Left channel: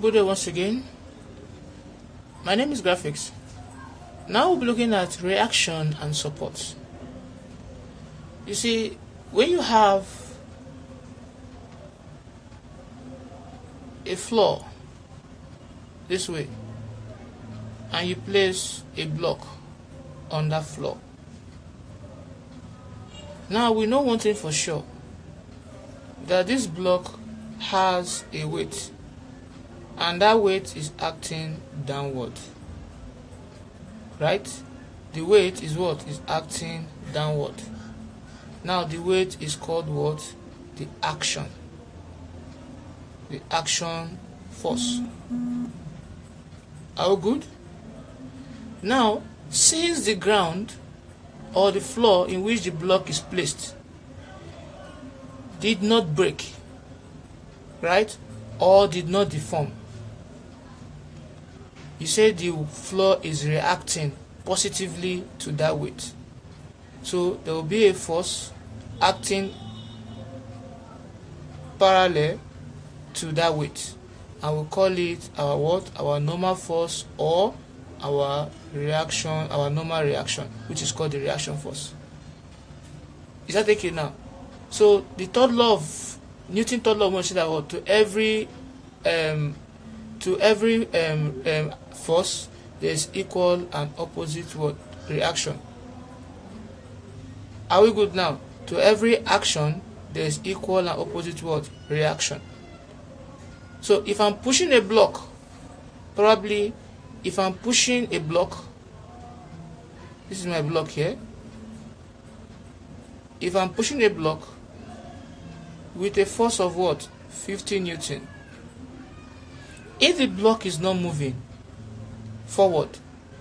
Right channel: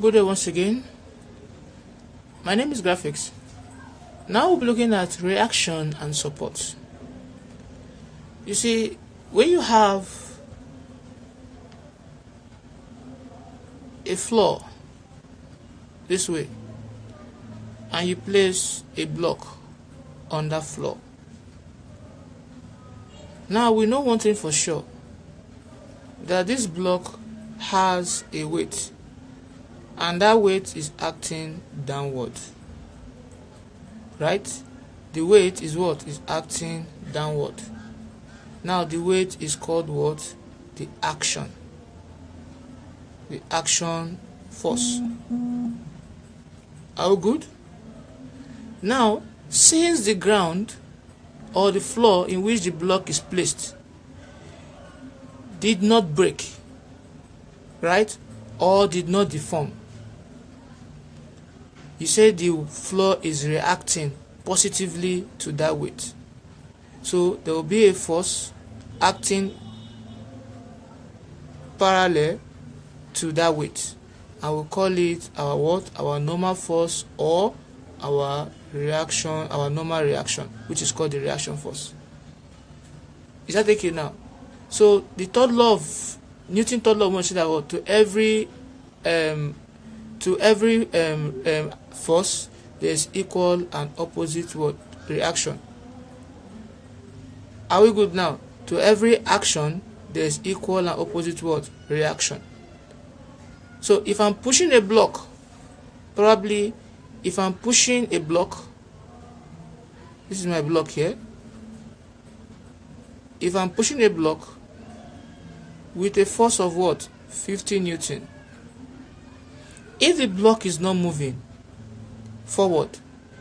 Good day once again. My name is Graphics. Now we'll be looking at reaction and support. You see, when you have a floor this way and you place a block on that floor, now we know one thing for sure, that this block has a weight, and that weight is acting downward, right? The weight is what? Is acting downward. Now the weight is called what? The action. The action force. Are we good? Now, since the ground or the floor in which the block is placed did not break, right, or did not deform, you say the floor is reacting positively to that weight. So there will be a force acting parallel to that weight. I will call it our what? Our normal force, or our reaction, our normal reaction, which is called the reaction force. Is that okay now? So the third law of Newton's third law of motion, that what? To every force there is equal and opposite what? Reaction. Are we good now? To every action there is equal and opposite what? Reaction. So if I'm pushing a block, probably if I'm pushing a block, this is my block here. If I'm pushing a block with a force of what? 50 Newton. If the block is not moving forward,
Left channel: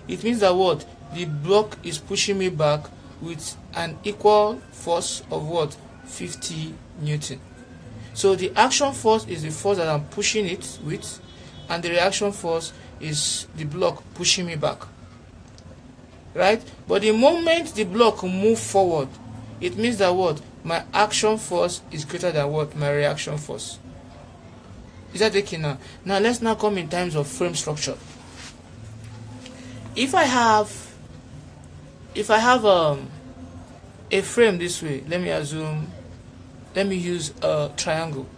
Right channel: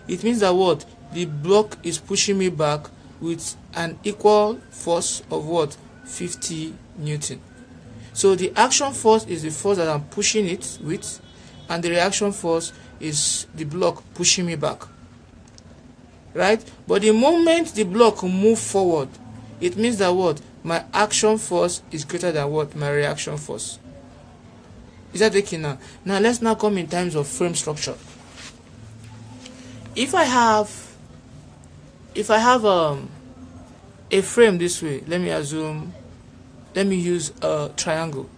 it means that what? The block is pushing me back with an equal force of what? 50 Newton. So the action force is the force that I'm pushing it with, and the reaction force is the block pushing me back, right? But the moment the block move forward, it means that what? My action force is greater than what? My reaction force. Is that okay now? Now let's now come in terms of frame structure. If I have a frame this way, let me use a triangle.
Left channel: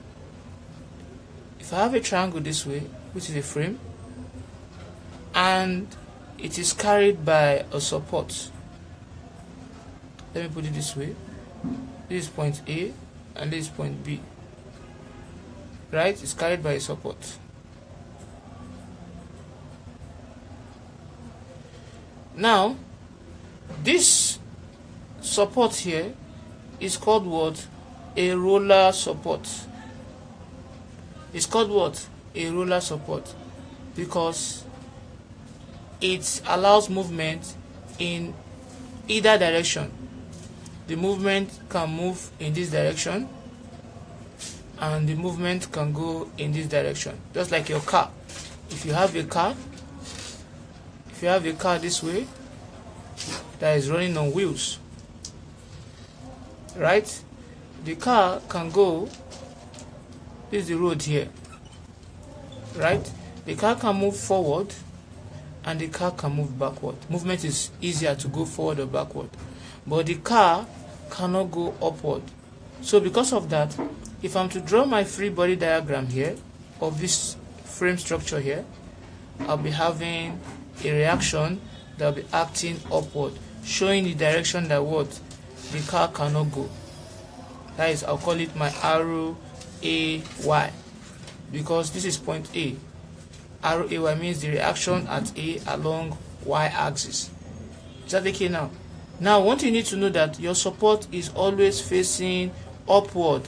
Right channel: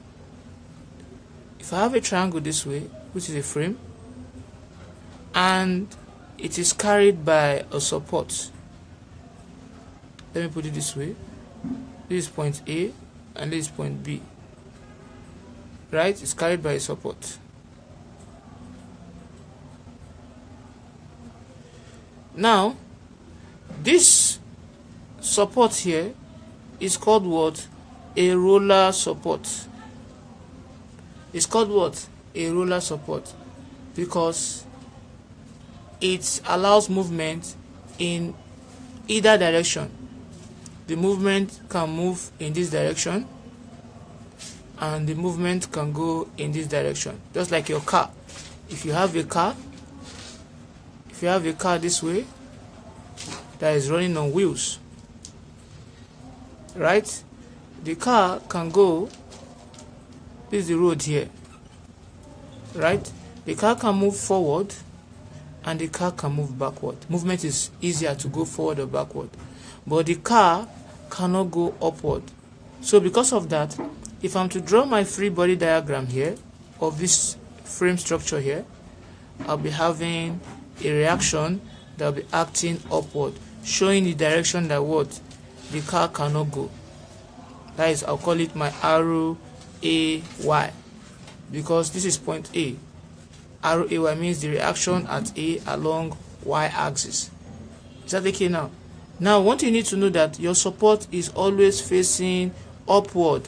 If I have a triangle this way, which is a frame, and it is carried by a support, let me put it this way. This is point A and this is point B, right? It's carried by a support. Now this support here is called what? A roller support. It's called what? A roller support, because it allows movement in either direction. The movement can move in this direction, and the movement can go in this direction, just like your car. If you have a car this way that is running on wheels, right? The car can go, this is the road here, right? The car can move forward and the car can move backward. Movement is easier to go forward or backward, but the car cannot go upward. So because of that, if I'm to draw my free body diagram here of this frame structure here, I'll be having a reaction that will be acting upward, showing the direction that what? The car cannot go. That is, I'll call it my arrow AY, because this is point A. Arrow AY means the reaction at A along Y axis. Is that okay now? Now, what you need to know, that your support is always facing upward,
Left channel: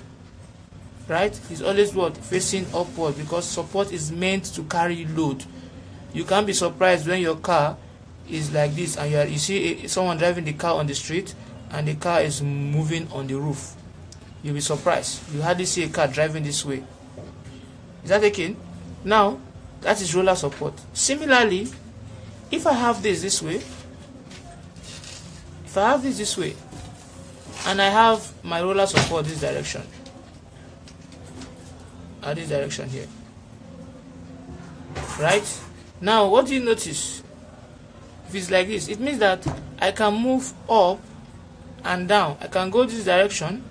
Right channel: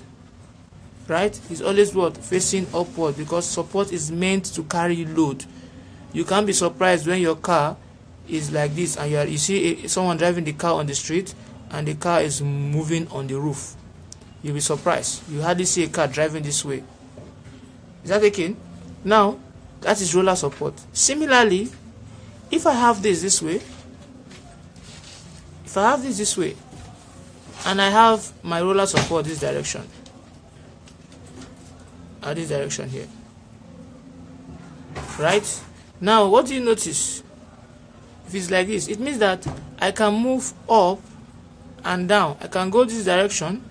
right? It's always what? Facing upward, because support is meant to carry load. You can't be surprised when your car is like this and you see someone driving the car on the street and the car is moving on the roof. You'll be surprised. You hardly see a car driving this way. Is that okay? Now, that is roller support. Similarly, if I have this way, and I have my roller support this direction, this direction here, right? Now what do you notice? If it's like this, it means that I can move up and down. I can go this direction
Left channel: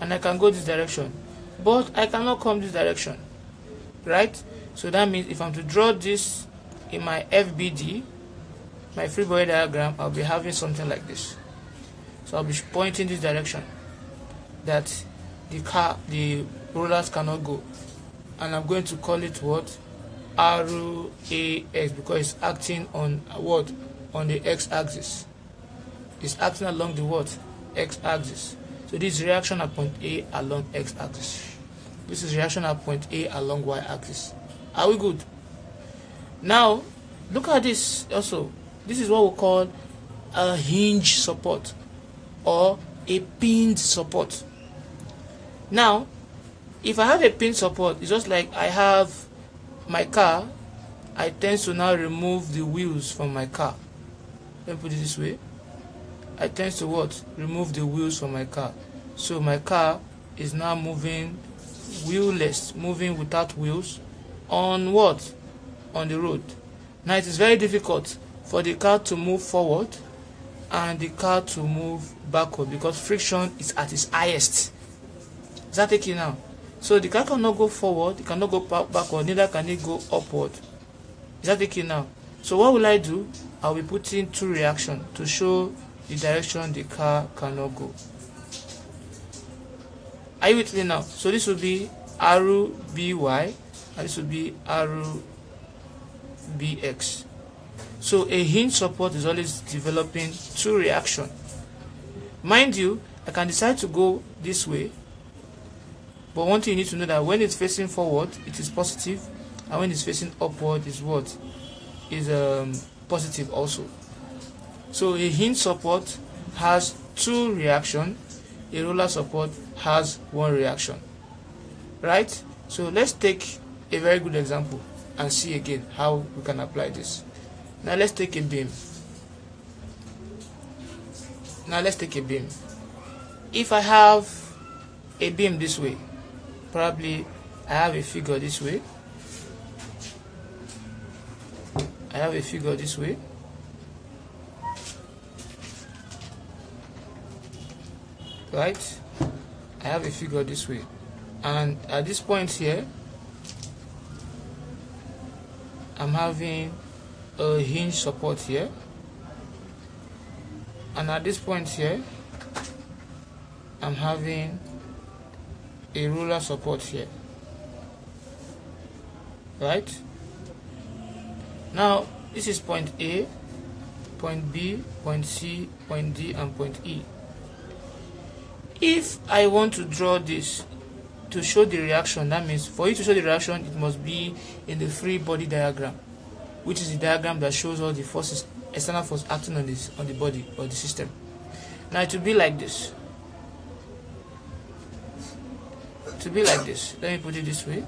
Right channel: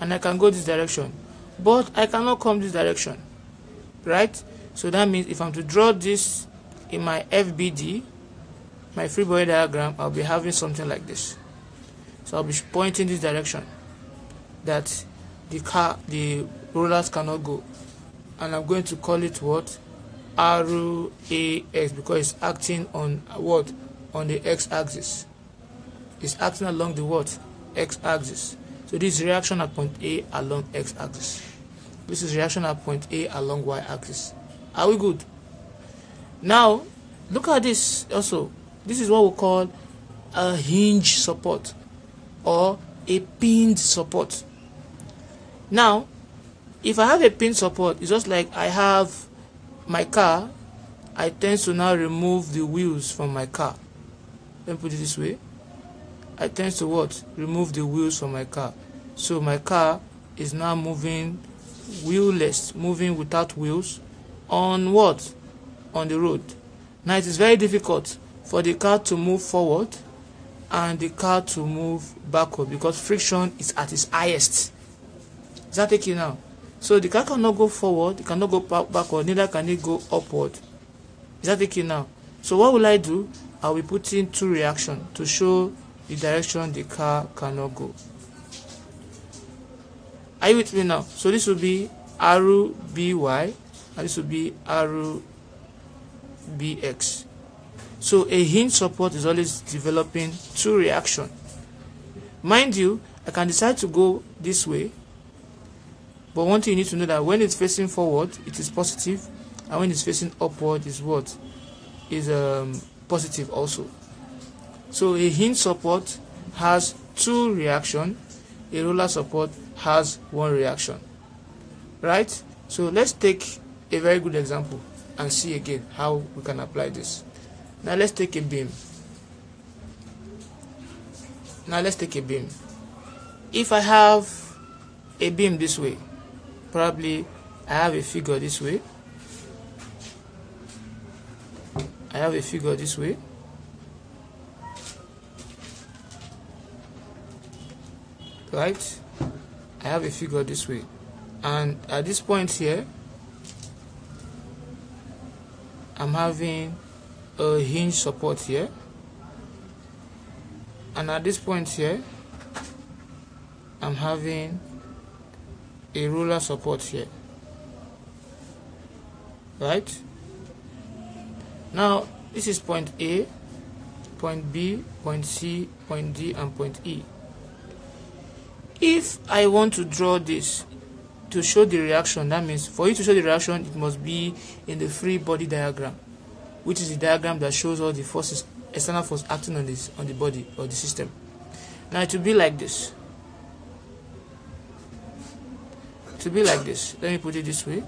and I can go this direction, but I cannot come this direction, right? So that means if I'm to draw this in my FBD, my free body diagram, I'll be having something like this. So I'll be pointing this direction that the rollers cannot go, and I'm going to call it what? Arrow AX, because it's acting on what? On the x-axis. It's acting along the what? X-axis. So this is reaction at point A along x-axis. This is reaction at point A along y-axis. Are we good? Now look at this also. This is what we call a hinge support or a pinned support. Now if I have a pinned support, it's just like I have my car. I tend to now remove the wheels from my car. Let me put it this way. I tend to what? Remove the wheels from my car. So my car is now moving wheelless, moving without wheels on what? On the road. Now it is very difficult for the car to move forward and the car to move backward because friction is at its highest. Is that taking now? So the car cannot go forward, it cannot go backward, neither can it go upward. Is that taking now? So what will I do? I will be putting two reactions to show the direction the car cannot go. Are you with me now? So this will be arrow BY and this will be arrow BX. So a hinge support is always developing two reactions. Mind you, I can decide to go this way, but one thing you need to know that when it's facing forward, it is positive, and when it's facing upward, is what? Is positive also. So a hinge support has two reactions, a roller support has one reaction, right? So let's take a very good example and see again how we can apply this. Now let's take a beam. If I have a beam this way, probably I have a figure this way. Right? I have a figure this way. And at this point here, I'm having a hinge support here. And at this point here, I'm having a roller support here. Right? Now, this is point A, point B, point C, point D, and point E. If I want to draw this to show the reaction, that means for you to show the reaction, it must be in the free body diagram, which is the diagram that shows all the forces, external force acting on the body or the system. Now it will be like this. Let me put it this way.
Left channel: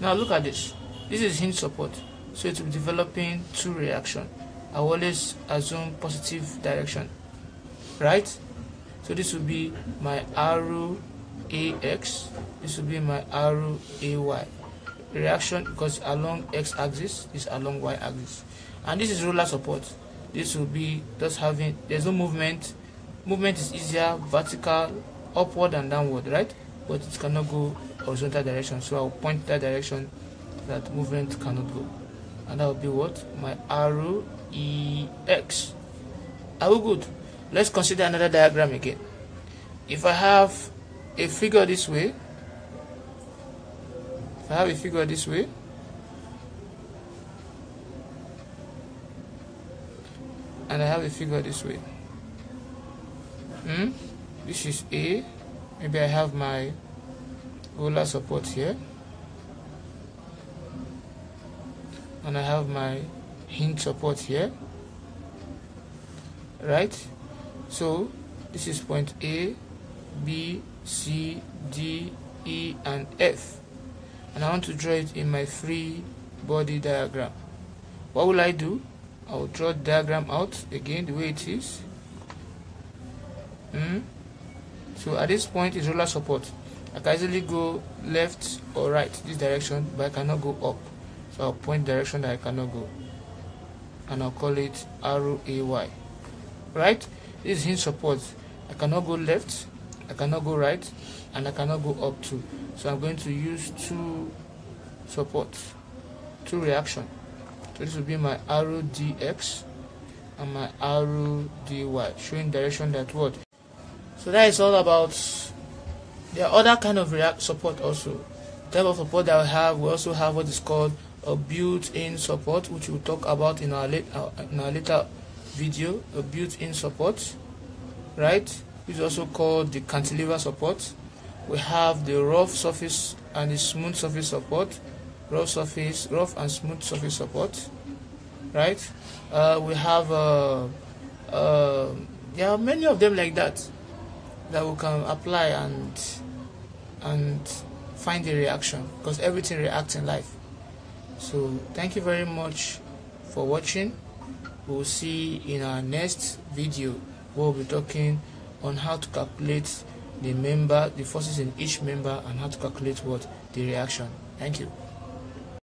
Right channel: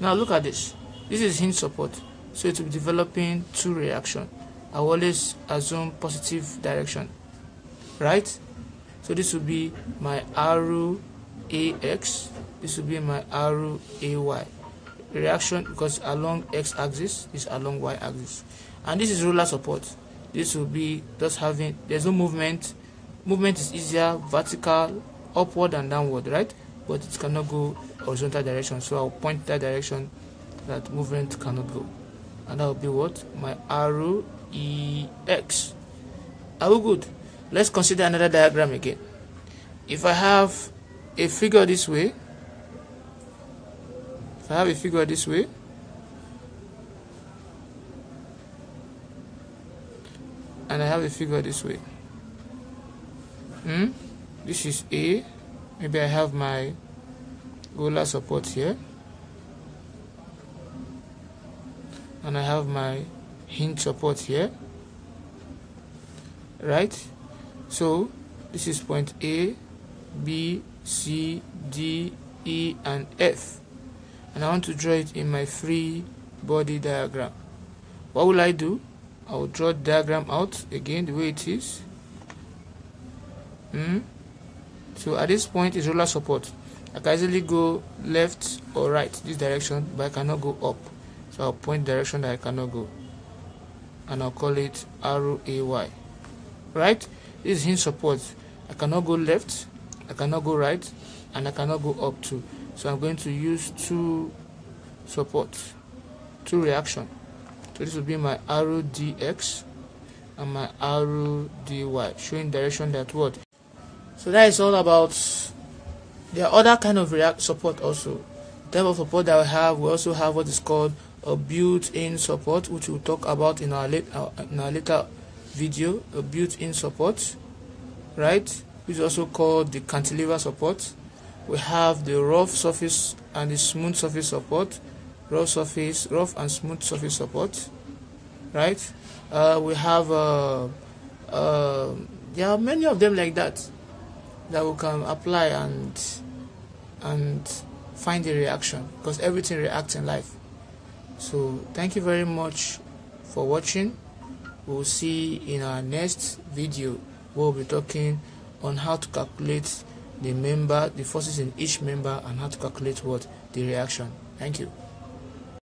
Now look at this. This is hinge support, so it will be developing two reactions. I will always assume positive direction, right? So this will be my arrow AX, this will be my arrow AY. Reaction, because along x-axis is along y-axis, and this is roller support. This will be just having, there's no movement. Movement is easier, vertical, upward and downward, right? But it cannot go horizontal direction, so I'll point that direction that movement cannot go, and that will be what? My arrow EX. Are we good? Let's consider another diagram again. If I have a figure this way, and I have a figure this way, this is A. Maybe I have my roller support here, and I have my hinge support here, right? So this is point A, B, C, D, E, and F, and I want to draw it in my free body diagram. What will I do? I will draw the diagram out again the way it is. So at this point is roller support. I can easily go left or right this direction, but I cannot go up. So I'll point direction that I cannot go, and I'll call it arrow AY. Right? This is hinge support. I cannot go left, I cannot go right, and I cannot go up too. So I'm going to use two supports, two reaction. So this will be my arrow DX and my arrow DY, showing direction that what. So that is all about. There are other kind of support also. The type of support that we also have what is called a built-in support, which we'll talk about in our later video. A built-in support, right? Which is also called the cantilever support. We have the rough surface and the smooth surface support. Rough and smooth surface support, right? We have there are many of them like that we can apply and find the reaction, because everything reacts in life. So thank you very much for watching. We'll see in our next video. We'll be talking on how to calculate the forces in each member, and how to calculate what the reaction. Thank you.